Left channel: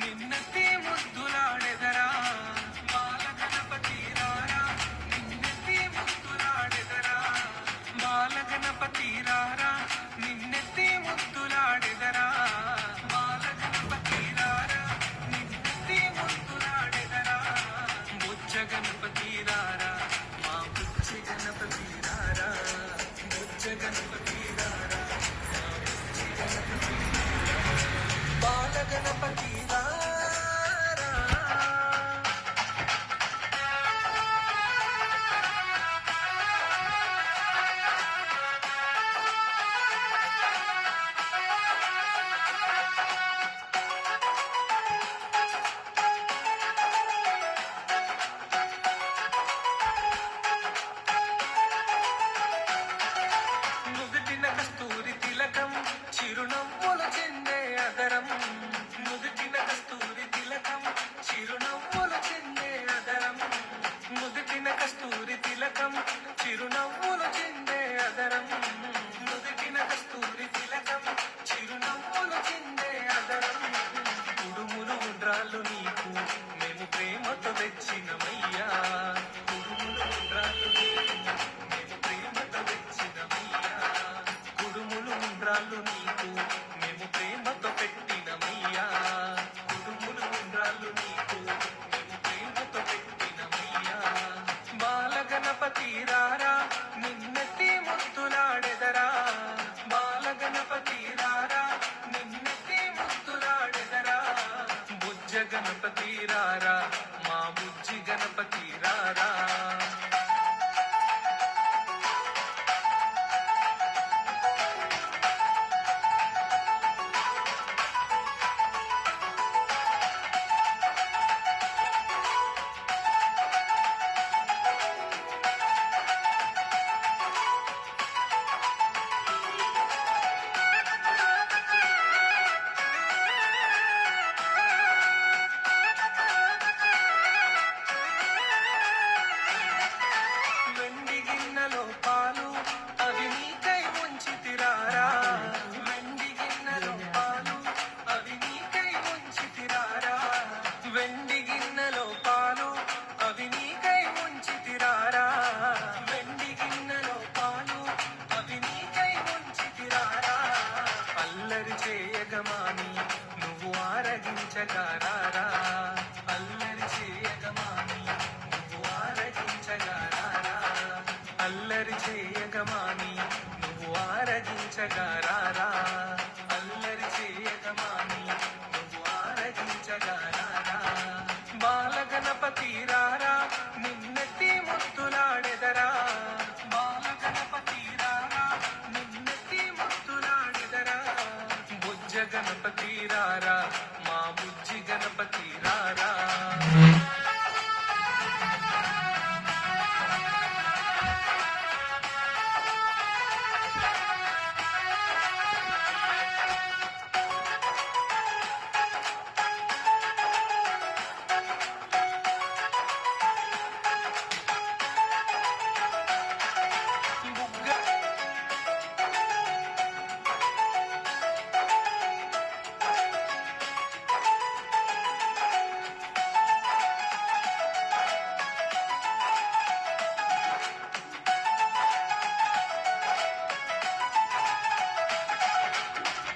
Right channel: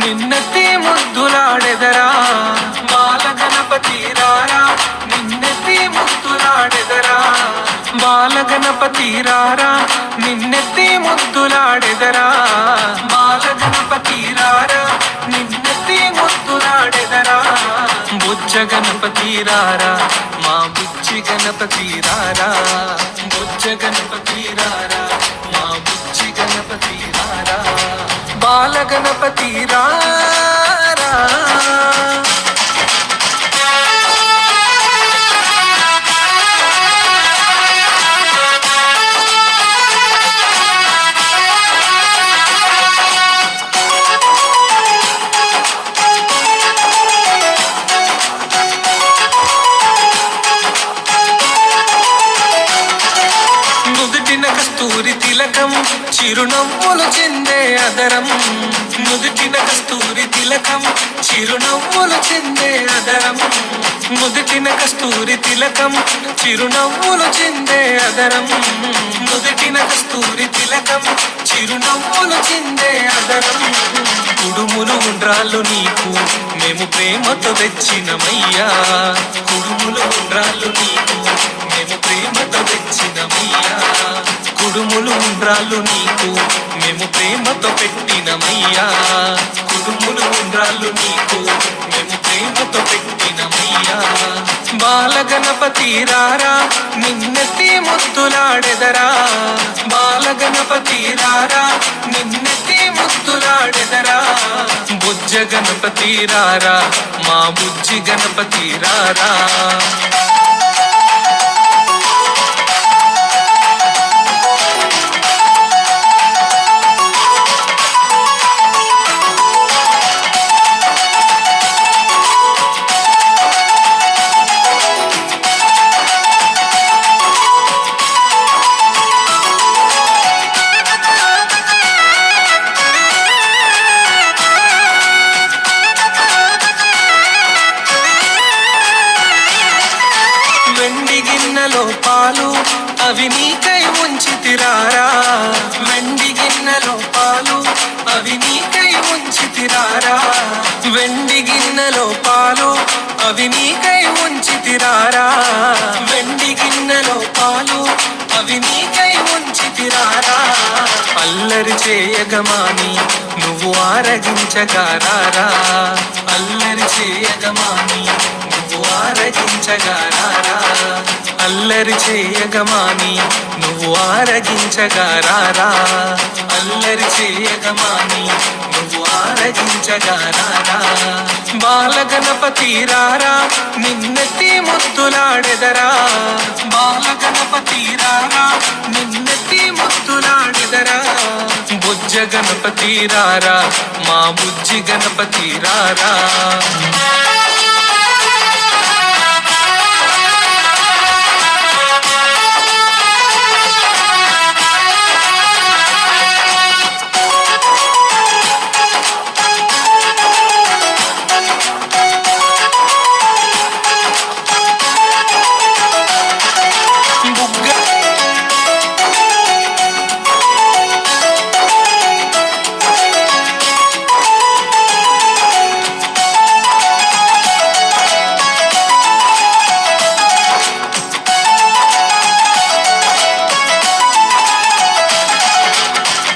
నిన్నెత్తి ముద్దులాడెదరా బాల గణపతి రారా నిన్నెత్తి ముద్దులాడెదరా బాల గణపతి రారా నిన్నెత్తి ముద్దులాడెదరా బాల గణపతి రారా నిన్నెత్తి ముద్దులాడెదరా బుజ్జ గణపతి రారా మా బుజ్జి గణపతి రారా బుజ్జ గణపతి రారా మా బుజ్జి గణపతి రారా బాల గణపతి రారా నుదుటిన కస్తూరి తిలకం చిరునవ్వులు చెందే అదరం నుదుటిన కస్తూరి తిలకం చిరునవ్వులు చెందే అదరం నుదుటిన కస్తూరి తిలకం చిరునవ్వులు చెందే అదరం నుదుటిన కస్తూరి తిలకం చిరునవ్వులు చెందే అదరం కుడుములు ఉండ్రాళ్ళు నీకు మేము ప్రేమతో తెచ్చినమయ్యా కుడుములు ఉండ్రాళ్ళు నీకు మేము ప్రేమతో తెచ్చినమయ్యా కుడుములు ఉండ్రాళ్ళు నీకు మేము ప్రేమతో పెట్టినమయ్యా కుడుములు ఉండ్రాళ్ళు నీకు మేము ప్రేమతో పెట్టినమయ్యా బాల గణపతి రారా నిన్నెత్తి ముద్దులాడెదరా బాల గణపతి రారా నిన్నెత్తి ముద్దులాడెదరా బుజ్జ గణపతి రారా మా బుజ్జి గణపతి రారా వెండి గిన్నెలో పాలు అవి నీకై ఉంచితిరారా వెండి గిన్నెలో పాలు అవి నీకై ఉంచితిరారా వెండి గిన్నెలో పాలు అవి నీకై ఉంచితిరారా వెండి గిన్నెలో పాలు అవి నీకై ఉంచితిరారా అల్లరి చేయగమాని నువ్వు ఆరగించగారారా అల్లరి చేయగమాని నువ్వు ఆరగించగారారా అల్లరి చేయగమాని నువ్వు ఆరగించగారారా అల్లరి చేయగమాని నువ్వు ఆరగించగారారా బాల గణపతి రారా నిన్నెత్తి ముద్దులాడెదరా బాల గణపతి రారా నిన్నెత్తి ముద్దులాడెదరా బుజ్జ గణపతి రారా మా బుజ్జి గణపతి రారా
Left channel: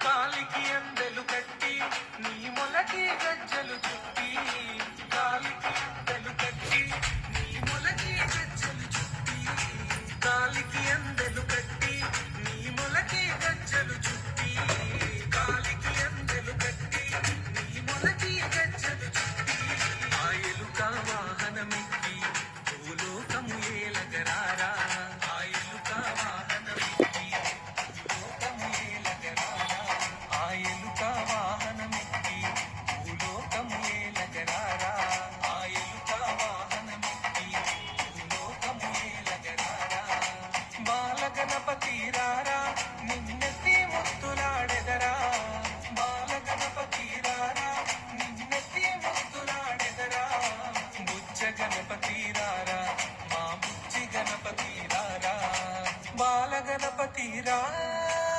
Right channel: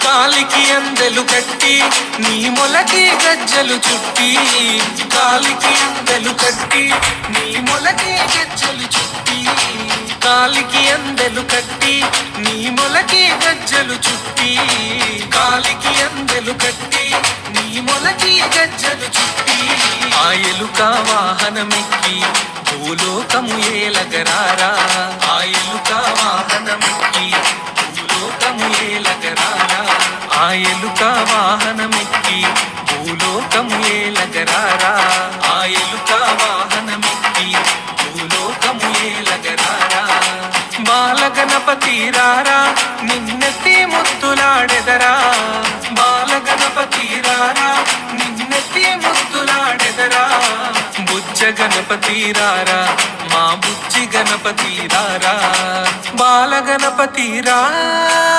కాలికి అందెలు కట్టి నీ మొలకి గజ్జలు చుట్టి కాలికి అందెలు కట్టి నీ మొలకి గజ్జలు చుట్టి కాలికి అందెలు కట్టి నీ మొలకి గజ్జలు చుట్టి కాలికి అందెలు కట్టి నీ మొలకి గజ్జలు చుట్టి ఆ ఎలుక వాహనమెక్కి భూలోకము ఏలగరారా ఆ ఎలుక వాహనమెక్కి భూలోకము ఏలగరారా ఆ ఎలుక వాహనమెక్కి భూలోకము ఏలగరారా ఆ ఎలుక వాహనమెక్కి భూలోకము ఏలగరారా బాల గణపతి రారా నిన్నెత్తి ముద్దులాడెదరా బాల గణపతి రారా నిన్నెత్తి ముద్దులాడెదరా బుజ్జ గణపతి రారా మా బుజ్జి గణపతి రారా బాల గణపతి రారా